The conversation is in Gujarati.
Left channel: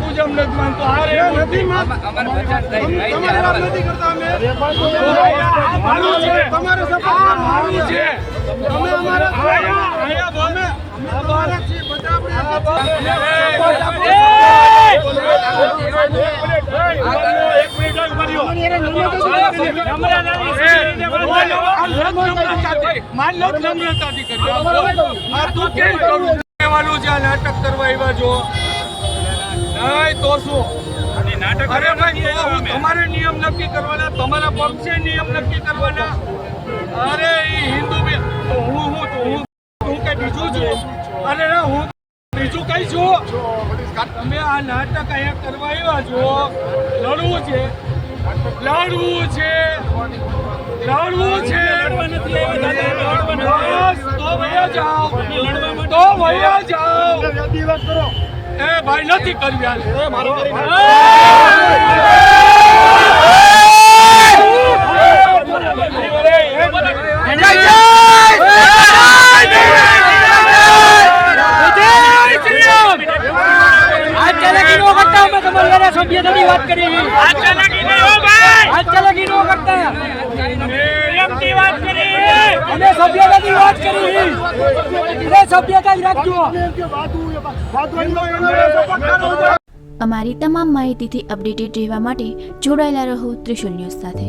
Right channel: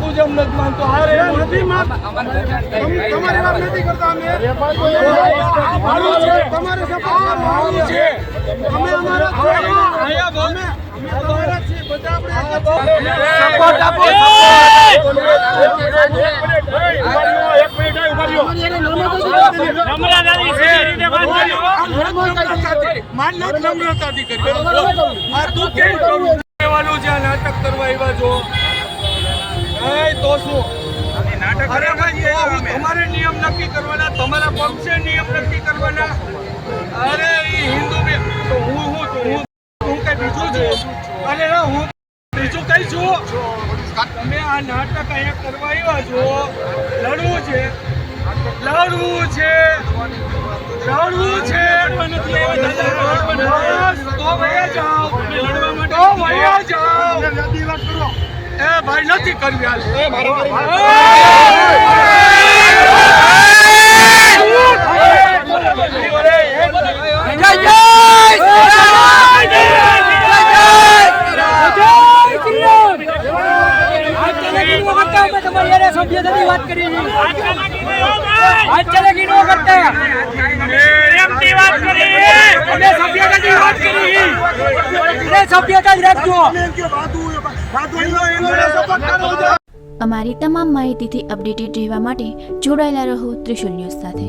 પૂજમ નથી માનતો. અરે નથી માનતો. તમારી વાત નથી કરતા અમે. મારું છે. તમારે સપોર્ટ મારું છે. અમે અમારા અહીંયા બોલે. અમે અમારા છે બધા આપણે નાટક કરવા આવ્યા છો નહીં તો શું? અરે ભાઈ તો હું તમારે નિયમ નક્કી કરવાના, તમારા પક્ષે નિયમ નક્કી કરવાના. અરે એ હિન્દુ તો હું કઈ બીજું છું? અરે ના હું બીજું કઈ છું? તમે આ નાટક અહીંયા કરવા આવ્યા છો. લડવું છે, લડવું છે, લડવું છે. તો વયા જાઓ, તો વયા જાઓ. એ ભાઈ નથી કરવી હાલ. વાત કરી અમારી તમામ માહિતીથી અપડેટેડ રહેવા માટે જોડાયેલા રહો ત્રિશુલ ન્યૂઝ સાથે.